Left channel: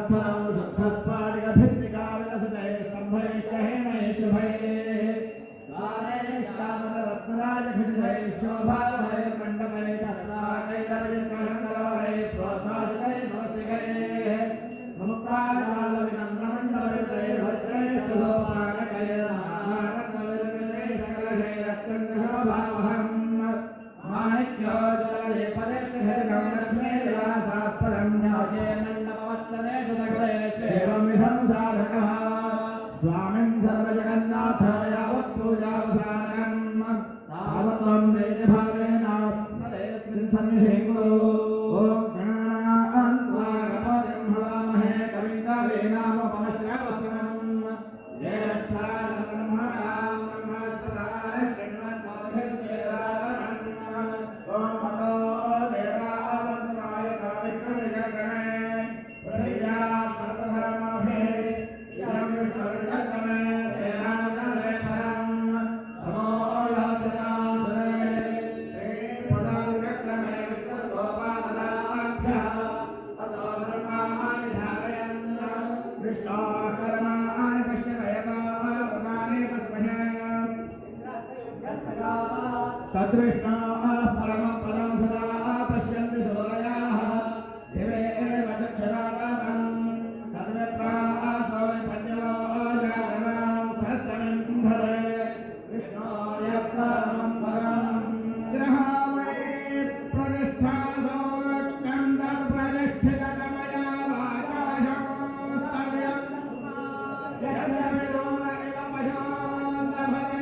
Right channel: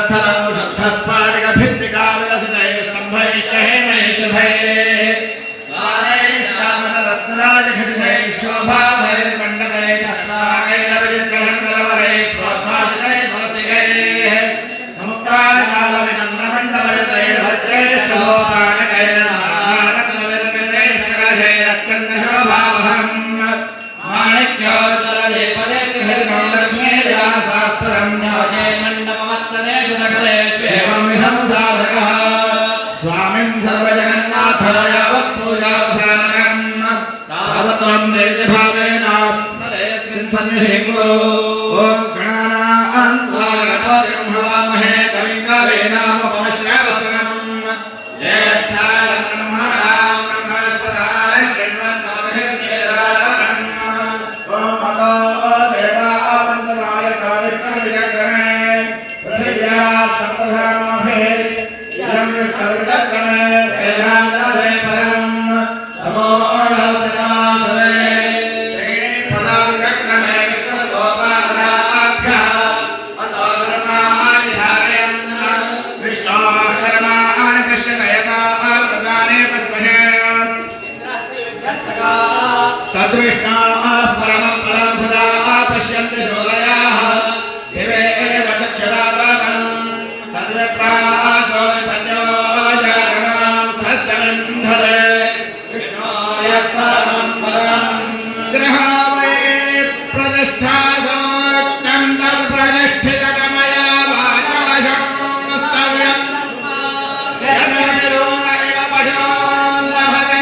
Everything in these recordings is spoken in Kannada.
स्थलं शुद्धस्फाटिक भित्तिका विलसितैः स्तम्भैश्च हेमैषधैः रत्नराजखचितैः शोभाभैर्मण्डपैः चक्राकैर्नवजित्कलङ्कलवरैः प्रोद्भासितैः स्वस्तिकैः मुक्ताजालविनम्रमण्डलयुतैर्भद्रैः शोभानकैर्नारत्नविर्मितैः सकलैरत्यन्तशोभावहम् माणिक्योज्ज्वलदीपदीप्तिभिर्गं लक्ष्मीविलासास्पदं न्योचे मण्डपमत्तनेषु सकलेषु एवं विधं साधकः स्वामिं सर्वजगन्नाथ यावत्पूजावसानकम् तावत्त्वं प्रीतिभावेन तदेस्मिन् सन्निधिं कुरु ॐ गणानां त्वा गणपतिं हवामहे कविं कवीनामुपमश्रवस्तमम् ज्येष्ठानां ब्रह्मणां ब्रह्मणस्पदाय शृण्वन्नोतिभिर्वेदारम् ॐ अतो देवा वन्दनाय विष्णुविजग्रहे पृथिव्याः सप्तधामभिः इदं विष्णुविजग्रहे वेदान्तदे परम् तद्विष्णाः परमं पदं सदा पश्यन्ति सूरयाः दिवे एव चक्षुरागमनं तद्विप्राः सोऽपद्यवो जागरणां सस्यमिन्धरे विष्णोः परमं पदं गृहावये प्रतिष्ठासोक्तं तत्प्रतिष्ठितकमया वाचाशंस्तव्यं यज्ञविरोध इव पशो लभते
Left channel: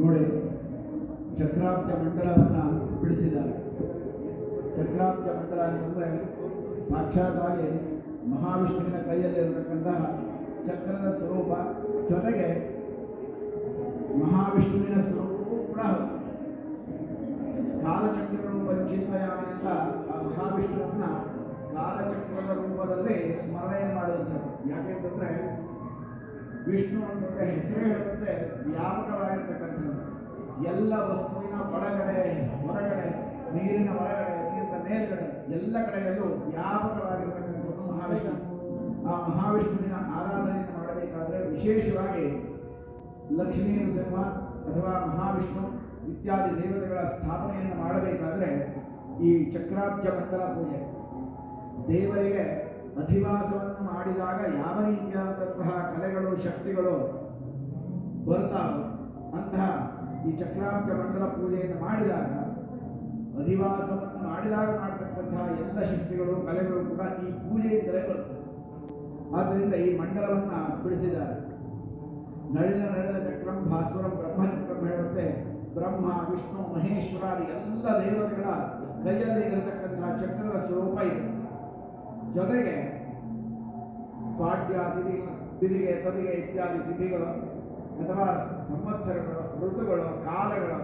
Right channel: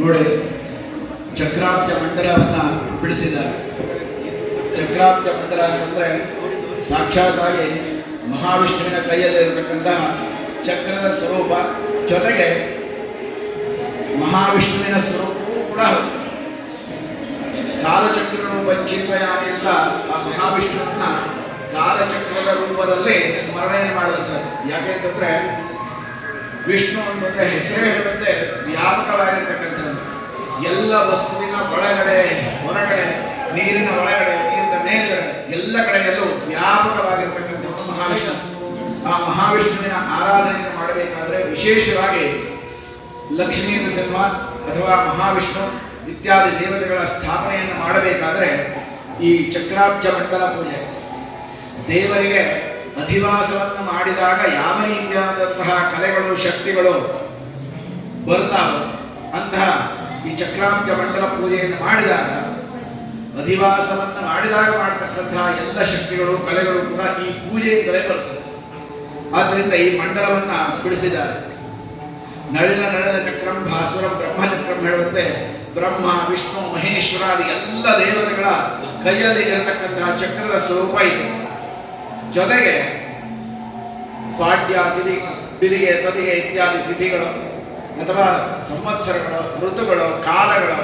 ನೋಡಿ ಚಕ್ರಾಬ್ಜ ಮಂಡಲವನ್ನ ಬಿಡಿಸಿದ್ದಾರೆ. ಚಕ್ರಾಬ್ಜ ಮಂಡಲ ಅಂತಂದ್ರೆ ಸಾಕ್ಷಾತ್ತಾಗಿ ಮಹಾವಿಷ್ಣುವಿನ ಕೈಯಲ್ಲಿರತಕ್ಕಂತಹ ಚಕ್ರದ ಸ್ವರೂಪ, ಜೊತೆಗೆ ಮಹಾವಿಷ್ಣುವಿನ ಸ್ವರೂಪವೂ ಕೂಡ ಕಾಲಚಕ್ರಗಳು ಚಿಂತಯಾಮಿ ಅಂತ ಆ ಮಹಾವಿಷ್ಣುವನ್ನ ಕಾಲಚಕ್ರದ ರೂಪದಲ್ಲಿ ಸ್ಮರಣೆಯನ್ನು ಮಾಡುವಂಥದ್ದು. ಯಾಕೆಂತಂದ್ರೆ ವಿಷ್ಣು ಅಂತಂದ್ರೆ ಹೆಸರೇ ಹೇಳುತ್ತೆ ವ್ಯಾಪಕವಾಗಿರ್ತಕ್ಕಂಥದ್ದು. ಎಲ್ಲ ವಸ್ತುವಿನ ಒಳಗಡೆ ಹೊರಗಡೆ, ನೀರಿನ ಒಳಗಡೆ, ನೀರಿನ ಮೇಲ್ಗಡೆ, ಎಲ್ಲ ಕಡೆಯಲ್ಲೂ ವ್ಯಾಪಕವಾಗಿರ್ತಕ್ಕಂಥದ್ದು ಮಹಾವಿಷ್ಣು. ಆ ಮಹಾವಿಷ್ಣುವಿನ ಆರಾಧನೆಯನ್ನು ಮಾಡಬೇಕಾದ್ರೆ ವಿಶೇಷವಾಗಿ ಲಕ್ಷ್ಮೀ ನರಸಿಂಹ ಅಥವಾ ಮಹಾವಿಷ್ಣು ಇತ್ಯಾದಿ ದೇವತೆಗಳ ಸ್ಥಾಪನೆಯನ್ನು ಮಾಡಬೇಕಾದ್ರೆ ಈ ಚಕ್ರಾಬ್ಜ ಮಂಡಲ ಪೂಜೆ, ದೇವರಿಗೆ ಅಧಿವಾಸವನ್ನು ಮಾಡಿದಾಗ ಯಾವ ರೀತಿಯಾದಂತಹ ಕಲೆಗಳು ಶಕ್ತಿಗಳು ಬರ್ತಾವೋ ಅಂತಹ ಈ ಚಕ್ರಾಬ್ಜ ಮಂಡಲ ಪೂಜೆಯನ್ನು ಮಾಡಿದಾಗ, ಅಧಿವಾಸವನ್ನು ಮಾಡಿದಾಗ ಮಾಡತಕ್ಕಂತಹ ಎಲ್ಲ ಶಕ್ತಿಗಳು ಕಲೆಗಳು ಕೂಡ ಈ ಪೂಜೆಯಿಂದಲೇ ಬರ್ತದೆ. ಆದ್ದರಿಂದ ಈ ಮಂಡಲವನ್ನ ಬಿಡಿಸಿದ್ದಾರೆ. ನಳಿನ ನಳಿನ ಚಕ್ರಂ ಭಾಸ್ವರಂ ಬ್ರಹ್ಮಚಕ್ರಂ ಹೇಳುವಂತೆ ಬ್ರಹ್ಮ ವಿಷ್ಣು ಮಹೇಶ್ವರಾದಿ ಎಲ್ಲ ದೇವತೆಗಳ ಕೈಯಲ್ಲಿ ಇರತಕ್ಕಂತಹ ಚಕ್ರದ ಸ್ವರೂಪ ಇದು. ಜೊತೆಗೆ ಪಾಡ್ಯ ತಿಥಿ ಬಿದಿಗೆ ತದಿಗೆ ಇತ್ಯಾದಿ ತಿಥಿಗಳು ಅಥವಾ ಸಂವತ್ಸರಗಳು ಋತುಗಳು ಕಾಲಗಳು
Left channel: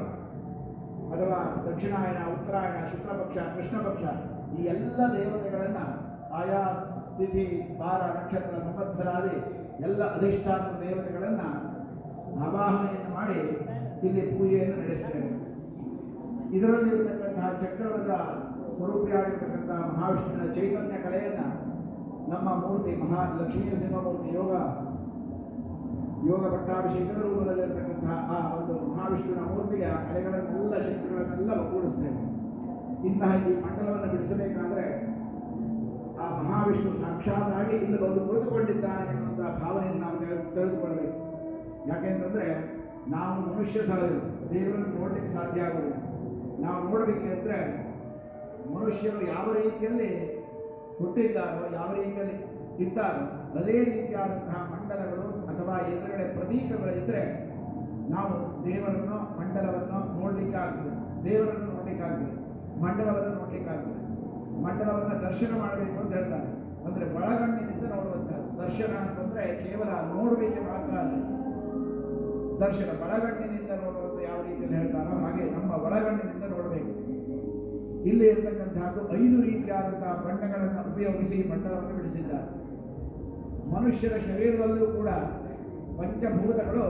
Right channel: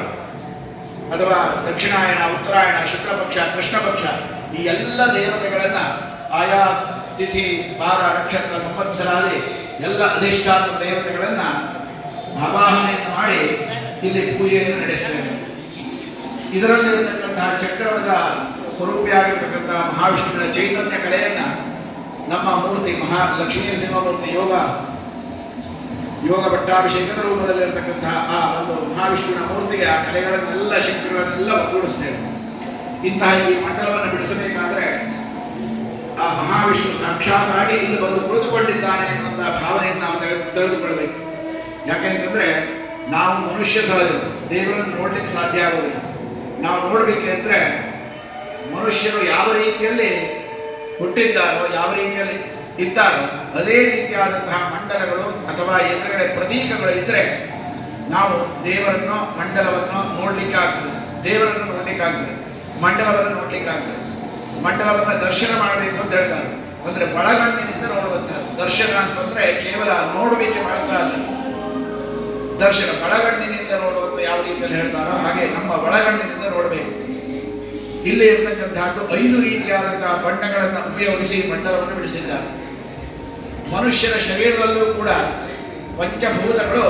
ಅಥವಾ ದಕ್ಷಿಣಾಯಣ ಉತ್ತರಾಯಣ ಶುಕ್ಲಪಕ್ಷ ಕೃಷ್ಣ ಪಕ್ಷ ಈ ಎಲ್ಲ ದೇವತೆಗಳನ್ನ ಆಯಾ ತಿಥಿ ವಾರ ನಕ್ಷತ್ರ ಸಂವತ್ಸರಾದಿ ಎಲ್ಲ ಅಧಿಷ್ಠಾನ ದೇವತೆಗಳನ್ನ ಆವಾಹನೆಯನ್ನು ಮಾಡಿ ಇಲ್ಲಿ ಪೂಜೆಯನ್ನು ನಡೆಸ್ತೇವೆ. ಇದರಲ್ಲಿರತಕ್ಕಂತಹ ಚಕ್ರವದ ಸ್ವರೂಪಿಯಾಗಿರ್ತಕ್ಕಂತಹ ಮಹಾವಿಷ್ಣುವಿನ ಚೈತನ್ಯ ಕಲೆಯನ್ನ ನಮ್ಮ ಮೂರ್ತಿ ಲಕ್ಷ್ಮೀ ನರಸಿಂಹಮೂರ್ತಿ ಯೋಗ ಪಟ್ಟಾಭಿಷೇಕದ ರೂಪದಲ್ಲಿರತಕ್ಕಂತಹ ಆ ಒಂದು ಮಹಾವಿಷ್ಣುವಿನ ಮೂರ್ತಿಗೆ ಆ ಕಲೆಗಳನ್ನೆಲ್ಲ ಶಕ್ತಿಗಳನ್ನೆಲ್ಲ ಒಗ್ಗೂಡಿಸ್ತೇವೆ. ಇಂತಹ ಈ ಮಂಡಲವನ್ನು ಬಿಡಿಸಬೇಕಾದ್ರೆ ಆ ಮಹಾವಿಷ್ಣು ಸಾಕ್ಷಾತ್ತಾಗಿ ಇಲ್ಲಿ ಬಂದು ಕುಳಿತುಕೊಂಡಿದ್ದಾನೆ ಎನ್ನುವಂತಹ ಭಾವನೆಯನ್ನು ನಾವು ತಿಳಿದುಕೊಳ್ಬೇಕು. ಯಾಕೆಂತಂದ್ರೆ ನಾವು ಮನುಷ್ಯ ಸಹಜರು, ದೇವರನ್ನು ನೋಡ್ಲಿಕ್ಕೆ ಸಾಧ್ಯ ಆಗುವುದಿಲ್ಲ. ನಾವು ನೋಡ್ಬೇಕೆಂದ್ರೆ ಮನುಷ್ಯರು ಯಾವ ರೀತಿಯಲ್ಲಿ ಹುಟ್ಟಿದ್ದಾರೋ ಯಾವ ರೀತಿಯಲ್ಲಿ ಇದ್ದಾರೋ ಅದೇ ರೀತಿಯಾದಂತಹ ಮಂಡಲಗಳು ಅಥವಾ ಎದುರುಗಡೆ ಪ್ರತೀಕಗಳು ಇದ್ರೆ ನಾವು ದೇವರನ್ನು ಮಂಡಲವನ್ನು ನೋಡ್ಲಿಕ್ಕಾಗ್ತದೆ, ದೇವರನ್ನು ನೋಡ್ಲಿಕ್ಕಾಗ್ತದೆ, ಮಂಡಲವನ್ನು ನೋಡ್ಲಿಕ್ಕಾಗ್ತದೆ. ಮಂಡಲವನ್ನು ದರ್ಶನ ಮಾಡಬೇಕು ಅಂತ ಹೇಳ್ತಾರೆ. ಅಂದ್ರೆ ಒಳಗಣ್ಣಿನಿಂದ ನೋಡುವಂತಹದ್ದು. ದರ್ಶನ ಅಂತಂದ್ರೆ ಕೇವಲ ನೋಡುವಿಕೆ ಮಾತ್ರ ಅಲ್ಲ, ದರ್ಶನ ಒಳಗಣ್ಣಿನಿಂದ ನೋಡುವಂತ ಯಾವ ರೀತಿಯಲ್ಲಿ ಹೇಳ್ತಾರೋ ಹಾಗೆ ನಮ್ಮ ಒಳಗಣ್ಣಿನಿಂದ ನೋಡಬೇಕು. ಇಲ್ಲಿ ಇರತಕ್ಕಂತಹದ್ದು 5 ರೀತಿಯಾದಂತಹ ಬಣ್ಣಗಳನ್ನು ಉಪಯೋಗಿಸಿ ಮಂಡಲವನ್ನು ಬಿಡಿಸಿದ್ದಾರೆ. ಮನುಷ್ಯನ ಶರೀರದಲ್ಲೂ ಕೂಡ ಪಂಚಭೂತಗಳು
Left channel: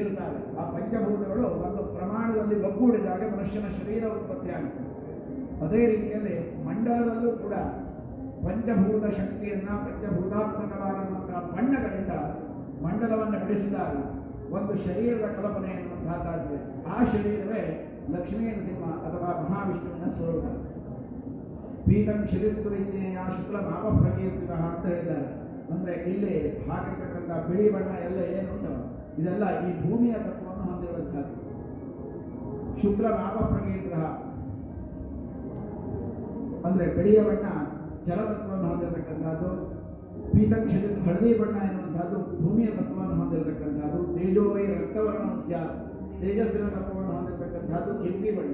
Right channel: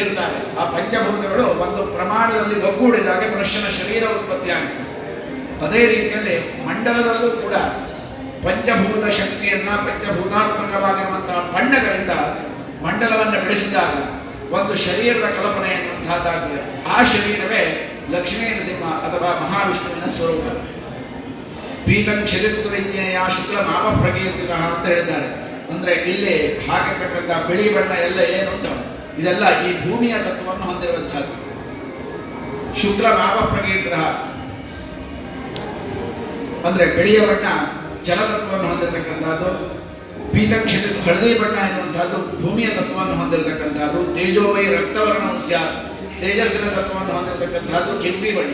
ಇರ್ತಾರೆ. ಆ ಪಂಚಭೂತಗಳು ಒಂದು ಪ್ರಮಾಣದಲ್ಲಿ ಒಗ್ಗೂಡಿದಾಗ ಮನುಷ್ಯನ ಶರೀರ ಉತ್ಪತ್ತಿಯಾಗುತ್ತೆ. ಅದೇ ರೀತಿಯಲ್ಲಿ ಮಂಡಲದಲ್ಲೂ ಕೂಡ ಪಂಚಭೂತ ಶಕ್ತಿಯನ್ನ ಪಂಚಭೂತಾತ್ಮಕವಾಗಿರುವಂತಹ ಬಣ್ಣಗಳಿಂದ ಮಂಡಲವನ್ನು ಬಿಡಿಸಿದಾಗ ಒಂದು ಶರೀರದ ಕಲ್ಪನೆ ಎನ್ನುವಂತಹದ್ದಾಗಿದೆ. ಆ ಶರೀರವೇ ಲಕ್ಷ್ಮೀ ನರಸಿಂಹ ಅಥವಾ ಮಹಾವಿಷ್ಣುವಿನ ಸ್ವರೂಪ. ಪೀತಂ ಕ್ಷರಿಸ್ತು ವಿಜ್ಞೇಯ ಶುಕ್ಲ ಮಾಪ ಪ್ರಕೀರ್ತಿತ ಅಂತ ಹೇಳಿದ್ದಾರೆ. ಅಂದ್ರೆ ಇಲ್ಲಿ ಹಾಕಿರ್ತಕ್ಕಂಥ ಬಿಳಿ ಬಣ್ಣ ಎಲ್ಲ ಏನುಂಟು ಇದೆಲ್ಲ ಈ ಭೂಮಿಯ ತತ್ವವನ್ನು ಹೊಂದಿರುವಂತಹದ್ದು. ಶುಕ್ಲ ಮಾಪ ಪ್ರಕೀರ್ತಿತ ಅಂದ್ರೆ ಬಿಳಿಯ ಬಣ್ಣ ಜಲತತ್ವವನ್ನು ಹೊಂದಿರತಕ್ಕಂಥದ್ದು. ಪೀತಂ ಕ್ಷರಿಸ್ ಹಳದಿ ಬಣ್ಣ ಎನ್ನುವಂತಹದ್ದು ಭೂಮಿಯ ತತ್ವವನ್ನು ಹೊಂದಿರತಕ್ಕಂಥದ್ದು. ತೇಜೋವೈ ರಕ್ತವರ್ಣ ಸ್ಯಾತ್ ತೇಜಸ್ಸಿನ ತತ್ವವನ್ನು ಹೊಂದಿರತಕ್ಕಂಥದ್ದು ಕೆಂಪಿ ಬಣ್ಣ.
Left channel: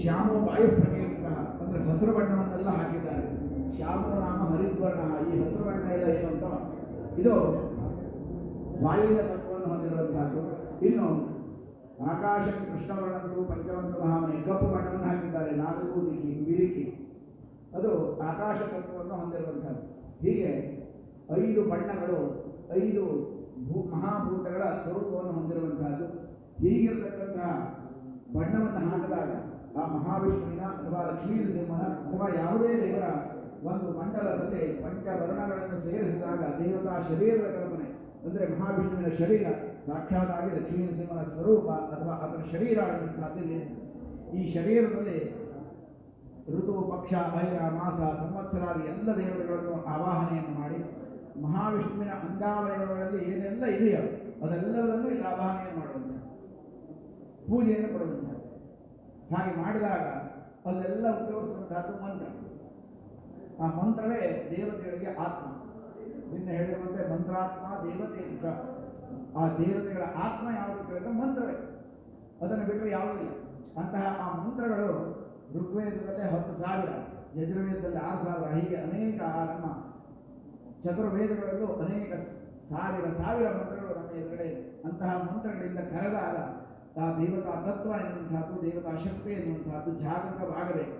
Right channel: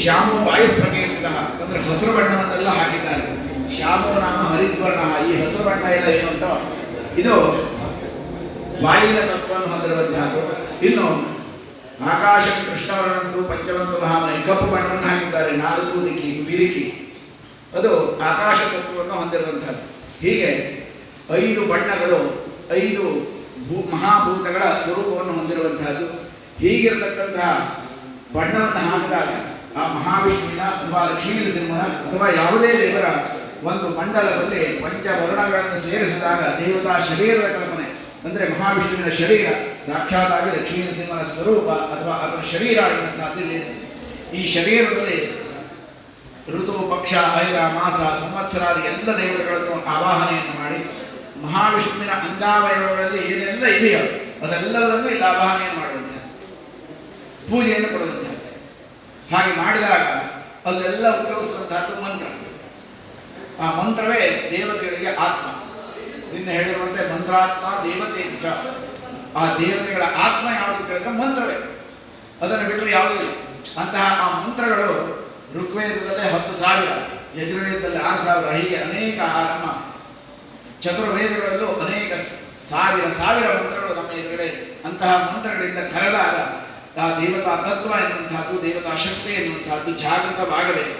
ಶ್ಯಾಮೋ ವಾಯು ಪ್ರಕೀರ್ತಿತ ಅಂದ್ರೆ ಹಸಿರು ಬಣ್ಣವನ್ನೆಲ್ಲ ಹಾಕಿದ್ದಾರೆ. ಶ್ಯಾಮೋ ನಾಮ ಹರಿದ್ವರ್ಣ, ಈ ಹಸಿರು ಬಣ್ಣ ಎಲ್ಲ ಏನು ಉಂಟೋ ಇದು ವಾಯುವಿನ ತತ್ವವನ್ನು ಹೊಂದಿರುವಂತಹದ್ದು. ಇನ್ನು ಆಕಾಶ ಕೃಷ್ಣವರ್ಣಂದು ಪಂಚವಂತು ಮಹಾಮನಿ ಕಪ್ಪು ಬಣ್ಣವನ್ನು ಹಾಕಿದ್ದಾರೆ. 4 ದಿಕ್ಕಿ ಬಿರಿಕಿ ಅದು ಆಕಾಶ ತತ್ವವನ್ನು ಹೊಂದಿರುವಂತಹದ್ದು. ಹೀಗೆ 5 ಬಣ್ಣಗಳು 5 ಮಹಾಭೂತಗಳ ಸ್ವರೂಪವನ್ನು ಹೊಂದಿರುವಂತಹದ್ದು. ಹೀಗಿರತಕ್ಕಂತಹ ಬಣ್ಣವನ್ನು ಹಾಕಿದಾಗ ಆ ಮಹಾವಿಷ್ಣುವಿನ ಅಥವಾ ಲಕ್ಷ್ಮೀ ನರಸಿಂಹನ ಅಥವಾ ಯಾವುದೇ ದೇವರ ಒಂದು ಮಂಡಲದಲ್ಲಿ ಪಂಚವರ್ಣಗಳನ್ನು ಸೇರಿಸಿದಾಗ ದೇವತಾ ಶರೀರದ ಕಲ್ಪನೆ ಅಂದ್ರೆ ಮಹಾವಿಷ್ಣುವಿನ ಶರೀರ ಸಾಕ್ಷಾತ್ತಾಗಿ ಲಕ್ಷ್ಮೀ ನರಸಿಂಹನ ಸ್ವರೂಪ ಅಥವಾ ಅದರ ಶರೀರ ಆಗಿರುವಂತಹದ್ದಿಲ್ಲಿ. ಈ ಶರೀರದಲ್ಲಿ ಋತು ಪಕ್ಷ ಐರ ಮಾಸ ಸಂವತ್ಸರಾದಿ ಎಲ್ಲ ದೇವತೆಗಳನ್ನು ಆವಾಹನೆಯನ್ನು ಮಾಡಿ ಮಹಾವಿಷ್ಣುವಿನ ಅಂಗಾವಯವಗಳಲ್ಲಿ ಏನೆಲ್ಲ ಇದೆಯೋ ಅದೆಲ್ಲವನ್ನೂ ಇಲ್ಲಿ ಆವಾಹನೆಯನ್ನು ಮಾಡುವಂಥದ್ದು, ಪೂಜೆಯನ್ನು ಕೊಡುವಂಥದ್ದು. ಹಾಗೆ ಮಾಡಿದಾಗ ಅಲ್ಲೆಲ್ಲ ಉಪಯೋಗಿಸುವಂತಹದ್ದು ಮಂತ್ರ. ಆ ಮಂತ್ರವೇ ದೇವತೆಗಳಿಗೆ ಆತ್ಮ. ನಿನ್ನೆ ಹೇಳಿರುವಂತೆ ಮಂತ್ರಾತ್ಮ ದೇವತೆ ಚ. ಆ ದೇವತೆಗಳ ಆತ್ಮ ಯಾವುದು ಕೇಳಿದ್ರೆ ಮಂತ್ರವೇ, ಅದನ್ನು ಬಿಟ್ಟರೆ ಯಾವುದೂ ಇಲ್ಲ. ಅಂತಹ ಆ ಮಂತ್ರಗಳು ಋಗ್ವೇದದಲ್ಲಿ 10,000, ಯಜುರ್ವೇದದಲ್ಲಿ 6,000, ಹೀಗೆ ಅನೇಕ ನಮ್ಮ ಚತುರ್ವೇದಗಳಲ್ಲೂ ಅನೇಕ ಸಾವಿರ ಮಂತ್ರಗಳು ನಮ್ಮ ಎದುರುಗಡೆ ಇದೆ. ಅಂತಹ ಮಂತ್ರಗಳಿಂದ ಕರೆದಾಗ ಆ ದೇವತಾ ತತ್ವ ಎನ್ನುವಂತಹದ್ದು ದೇವತಾ ಶಕ್ತಿ ಎನ್ನುವಂತಹದ್ದು ಜಾಗೃತವಾಗಬೇಕು.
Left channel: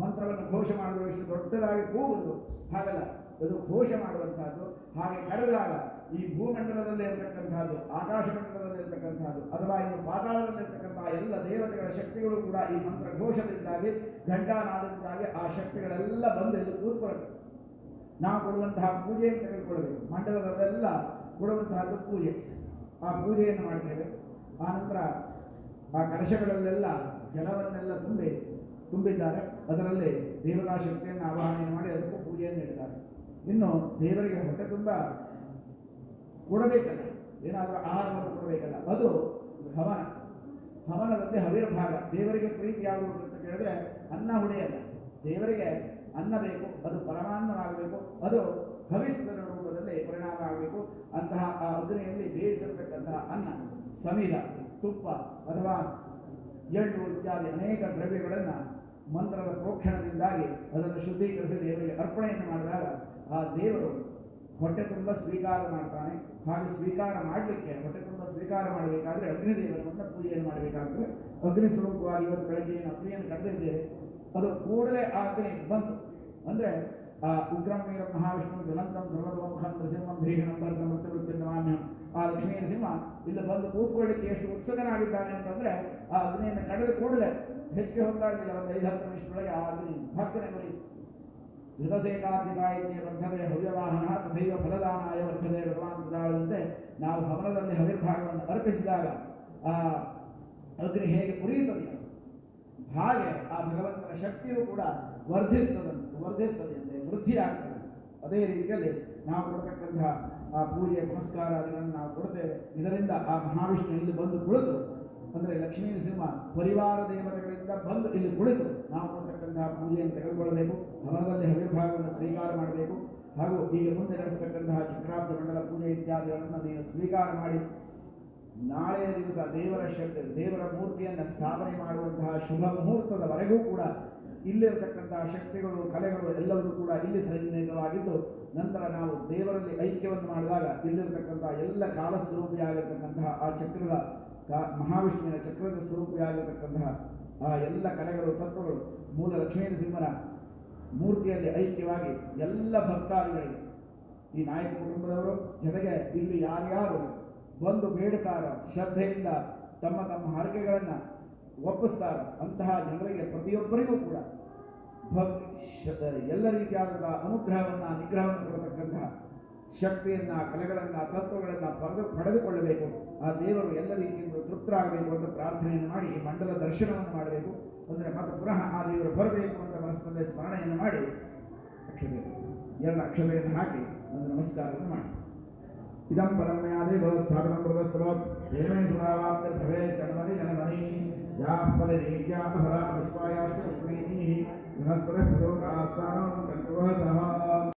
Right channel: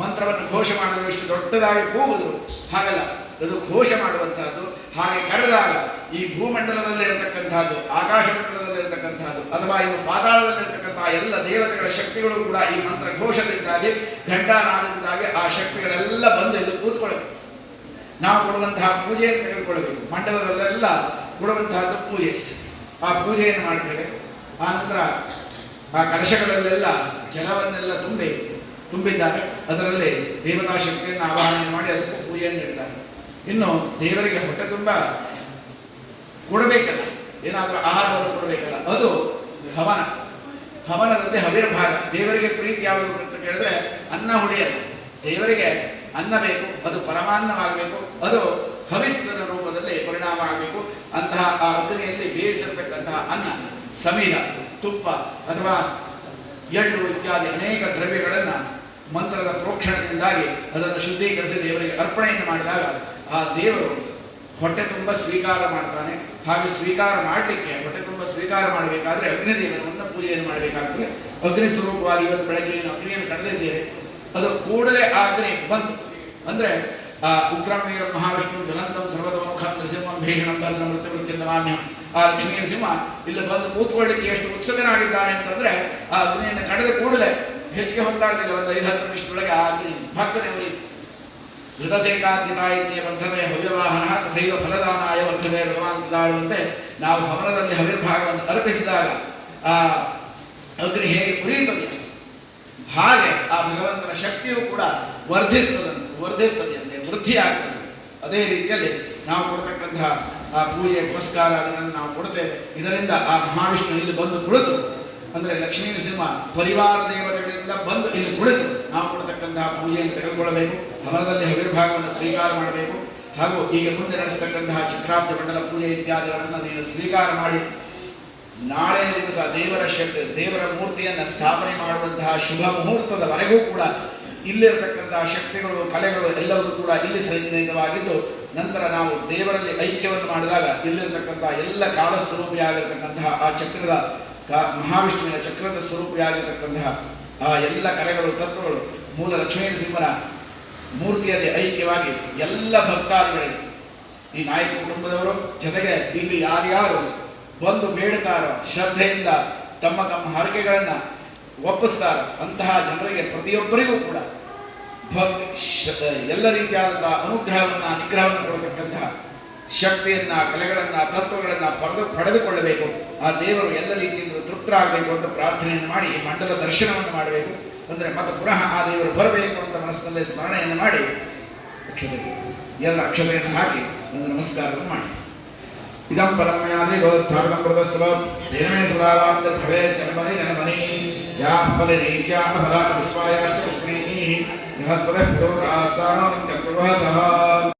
ಮಂತ್ರವನ್ನು ಘೋಷ ಮಾಡಿದ್ರೆ ಎಷ್ಟು ದೊಡ್ಡದಾಗಿ ಕೂಗುವುದು ಹಾಗಲ್ಲ, ಅದು ಘೋಷ ಮಾಡುವಂತಹದ್ದು. ಹಾಗೆ ಕರೆದಾಗ ಈ ಭೂಮಂಡಲದಲ್ಲಿರತಕ್ಕಂಥದ್ದು ಆಕಾಶ ಮಂಡಲದಲ್ಲಿರತಕ್ಕಂಥದ್ದು ಅಥವಾ ಇನ್ನು ಪಾತಾಳದಲ್ಲಿರತಕ್ಕಂತಹ ಎಲ್ಲ ದೇವತೆಗಳ ಶಕ್ತಿಗಳು ಕೂಡ ಈ ಮಂತ್ರ ಘೋಷದಿಂದಾಗಿ ಘಂಟಾನಾದದಿಂದಾಗಿ ಆ ಶಕ್ತಿಗಳೆಲ್ಲ ಬಂದು ಇಲ್ಲಿ ಕೂತ್ಕೊಳ್ಬೇಕು. ನಾವು ಕೊಡುವಂತಹ ಪೂಜೆಯನ್ನು ತೆಗೆದುಕೊಳ್ಳಬೇಕು. ಮಂಡಲದಲ್ಲೆಲ್ಲ ಕೊಡುವಂತಹದ್ದು ಪೂಜೆ. ಆ ಪೂಜೆಯನ್ನು ಮಾಡ್ತೇವೆ. ಆ ನಂತರ ಆ ಕಲಶಗಳಲ್ಲೆಲ್ಲ ಜಲವನ್ನೆಲ್ಲ ತುಂಬಿದ್ದಾರೆ. ಅದರಲ್ಲಿ ದೇವತಾ ಶಕ್ತಿಯನ್ನು ಆವಾಹನೆ ಮಾಡಿ ಅದಕ್ಕೂ ಪೂಜೆಯನ್ನು ನೀಡಿದ್ದಾರೆ. ಇನ್ನು ದೇವರಿಗೆ ಹೊಟ್ಟೆ ತುಂಬ ಕೊಡಬೇಕಲ್ಲ, ಏನಾದರೂ ಆಹಾರವನ್ನು ಕೊಡಬೇಕಲ್ಲ, ಅದು ಹವನ. ಹವನದಲ್ಲಿ ಹವಿರ್ಭಾಗ. ದೇವರಿಗೆ ಪ್ರೀತಿ ಯಾವುದು ಅಂತ ಕೇಳಿದ್ರೆ ಅನ್ನ ಹುಳಿಯಲ್ಲ. ದೇವರಿಗೆ ಅನ್ನ ಬೇಕು, ಅದು ಪರಮಾನ್ನವಾಗಬೇಕು, ಅದು ಹವಿಸ್ಸನ ರೂಪದಲ್ಲಿ ಪರಿಣಾಮ ಆಗಬೇಕು. ಅಂತಹ ಆ ಅಗ್ನಿಯಲ್ಲಿ ಬೇಯಿಸಿರ್ತಕ್ಕಂತಹ ಅನ್ನ ಸಮಿಧ, ತುಪ್ಪ ಅಥವಾ ಎಳ್ಳು ಇತ್ಯಾದಿ ಅನೇಕ ದ್ರವ್ಯಗಳನ್ನು ಮಂತ್ರದ ಪ್ರೋಕ್ಷಣದಿಂದಾಗಿ ಅದನ್ನು ಶುದ್ಧೀಕರಿಸಿ ದೇವರಿಗೆ ಅರ್ಪಣೆಯನ್ನು ಮಾಡಿದಾಗ ಆ ದೇವರು ಹೊಟ್ಟೆ ತುಂಬ ಸ್ವೀಕಾರ ಮಾಡ್ತಾನೆ. ಹಾಗೆ ಸ್ವೀಕಾರ ಮಾಡಲಿಕ್ಕೆ ಹೊಟ್ಟೆ ತುಂಬ ಸ್ವೀಕಾರ ಮಾಡಬೇಕಾದ್ರೆ ಅಗ್ನಿದೇವನನ್ನು ಪೂಜೆಯನ್ನು ಮಾಡಬೇಕಾಗ್ತದೆ. ಅಗ್ನಿ ಸ್ವರೂಪವಾಗಿ ಇವತ್ತು ಬೆಳಗ್ಗೆ ಏನು ಅಗ್ನಿಯನ್ನು ಕಳೆದಿದ್ದೇವೆ, ಅದು ಕೂಡಲೇ ಆ ಅಗ್ನಿ ಬಂತು ಅಂದರೆ ಉಗ್ರಂ ವೀರ ಮಹಾವಿಷ್ಣು ಜ್ವಲಂತಂ ಸರ್ವತೋಮುಖಂ ನೃಸಿಂಹಂ ಭೀಷಣಂ ಭದ್ರ ಮೃತ್ಯುಮೃತ್ಯುಂದಮಾಮ್ಯಹಂ. ಆ ಲಕ್ಷ್ಮೀ ನರಸಿಂಹ ಇಲ್ಲಿ ಬಂದು ಕೂತ್ಕೊಳ್ಳಿಕ್ಕೆ ಎಷ್ಟು ಉತ್ಸುಕನಾಗಿದ್ದಾನೆ ಅಂತಂದ್ರೆ ಆ ಅಗ್ನಿಯನ್ನು ಕಳೆದ ಕೂಡಲೇ ಹೆಚ್ಚಿಗೆ ಹೊತ್ತಾಗಲಿಲ್ಲ, ಒಂದು 5-10 ನಿಮಿಷದೊಳಗೆ ಆ ಅಗ್ನಿ ಭಕ್ಕನೆ ಉರಿಯಿತು. ಧೃತಸೇಕಾದ್ಯತಾಯಿತ್ಯ ವರ್ಧತೆ ಹವ್ಯವಾಹನ ತಥೈವ ಫಲದಾನಾಯ ವರ್ಧತೆ ಭಗವಾನ್ ತಾಳುವಂತೆ ನಾವು ಹವನದಲ್ಲಿ ಹವಿರ್ಭಾಗವನ್ನು ಅರ್ಪಿಸಿದಾಗ ಆ ಅಗ್ನಿ ಹೇಗೆ ಉರಿಯುತ್ತದೆ ಹಾಗೆ ಆ ಭಗವಂತನ ಶಕ್ತಿಯು ಕೂಡ ವರ್ಧಿಸ್ತದೆ ವೃದ್ಧಿ ಆಗ್ತದೆ. ಅದೇ ರೀತಿಯಲ್ಲಿ ನಾವು ಕೊಡ್ತಕ್ಕಂತಹ ಆ ಪೂಜೆ ಪುರಸ್ಕಾರ ಅದನ್ನು ನಾವು ಕೊಡ್ತೇವೆ. ಇದರಿಂದ ಆ ಮಹಾವಿಷ್ಣು ಇಲ್ಲಿ ಬಂದು ಕುಳಿತು ಅಂದರೆ ಲಕ್ಷ್ಮೀ ನರಸಿಂಹ ಪರಿವಾರ ದೇವತೆಗಳಿಂದ ಬಂದು ಇಲ್ಲಿ ಕುಳಿತು ನಾವು ಕೊಡ್ತಕ್ಕಂತಹ ಪೂಜೆಯನ್ನು ತೆಗೆದುಕೊಳ್ಳಬೇಕು, ಹವನದಲ್ಲಿ ಹವಿರ್ಭಾಗವನ್ನು ಸ್ವೀಕಾರ ಮಾಡಬೇಕು. ಹಾಗೂ ಈಗ ಮುಂದೆ ನಡೆಸ್ತಕ್ಕಂತಹ ಚಕ್ರಾಬ್ಜ ಮಂಡಲ ಪೂಜೆ ಇತ್ಯಾದಿಗಳನ್ನು ನೀನು ಸ್ವೀಕಾರ ಮಾಡಿ ನಾಳೆ ದಿವಸ ದೇವರ ಮೂರ್ತಿಯನ್ನು ಸ್ಥಾಪನೆ ಮಾಡುವಂತಹ ಶುಭ ಮುಹೂರ್ತದವರೆಗೂ ಕೂಡ ಇಲ್ಲಿರತಕ್ಕಂತಹ ಶಕ್ತಿಗಳು ಕಲೆಗಳು ಎಲ್ಲವೂ ಕೂಡ ಇಲ್ಲಿ ಸನ್ನಿಹಿತವಾಗಿದ್ದು ನಂತರ ನಾವು ದೇವರಲ್ಲಿ ಐಕ್ಯವನ್ನು ಮಾಡಿದಾಗ ಇಲ್ಲಿರತಕ್ಕಂತಹ ಎಲ್ಲ ಕಾಲಸ್ವರೂಪಿಯಾಗಿರ್ತಕ್ಕಂತಹ ಆ ಚಕ್ರದ ಮಹಾವಿಷ್ಣುವಿನ ಚಕ್ರದ ಸ್ವರೂಪಿಯಾಗಿರ್ತಕ್ಕಂತಹ ಆ ಎಲ್ಲ ಕಲೆಗಳು ತತ್ವಗಳು ಮೂಲ ಲಕ್ಷ್ಮೀ ನರಸಿಂಹನ ಮೂರ್ತಿಯಲ್ಲಿ ಐಕ್ಯವಾಗಿ ಎಲ್ಲ ಭಕ್ತಾದಿಗಳಿಗೆ ಈ ನಾಯಕ ಕುಟುಂಬದವರು ಜೊತೆಗೆ ಇಲ್ಲಿ ಯಾರ್ಯಾರು ಬಂದು ಬೇಡುತ್ತಾರೋ ಶ್ರದ್ಧೆಯಿಂದ ತಮ್ಮ ಹರಕೆಗಳನ್ನು ಒಪ್ಪಿಸ್ತಾರೋ ಅಂತಹ ಜನರಿಗೆ ಪ್ರತಿಯೊಬ್ಬರಿಗೂ ಕೂಡ ಎಲ್ಲ ರೀತಿಯಾದಂತಹ ಅನುಗ್ರಹವನ್ನು ನಿಗ್ರಹವನ್ನು ಕೊಡತಕ್ಕಂತಹ ಶಕ್ತಿಯನ್ನ ಕಲೆಗಳನ್ನ ತತ್ವಗಳನ್ನ ಪಡೆದುಕೊಳ್ಳಬೇಕು. ಆ ದೇವರು ಎಲ್ಲ ರೀತಿಯಿಂದ ತೃಪ್ತರಾಗಬೇಕು ಅಂತ ಪ್ರಾರ್ಥನೆಯನ್ನು ಮಾಡಿ ಈ ಮಂಡಲ ದರ್ಶನವನ್ನು ಮಾಡಬೇಕು. ಅಂದರೆ ಮತ್ತೆ ಪುನಃ ಆ ದೇವರು ಬರಬೇಕು ಅಂತ ಮನಸ್ಸಿನಲ್ಲೇ ಸ್ಮರಣೆಯನ್ನು ಮಾಡಿ ಎಲ್ಲ ಅಕ್ಷತೆಯನ್ನು ಹಾಕಿ ಒಂದು ನಮಸ್ಕಾರವನ್ನು ಮಾಡಿ. ಇದಂ ಪರಮಯಾದಿ ಗೋಸ್ಥಾಪನಂ ಪ್ರದಸ್ತವ ದೇವೇ ಸದಾವಾಪ್ತ ಭವೇ ಜನ್ಮನಿ ಜನಮನಿ ಯಾ ಫಲನೇಕ್ಯಾ ಫಲಾನ ಪುಷ್ಪಾಯ ಅಷ್ಟಪುಷ್ಪೈಃ ಬೃಹಸ್ಪತಿಃ ಪಿತೃ ಆಸ್ಥಾನಂ ಚಕ್ರುಃ ಸಹ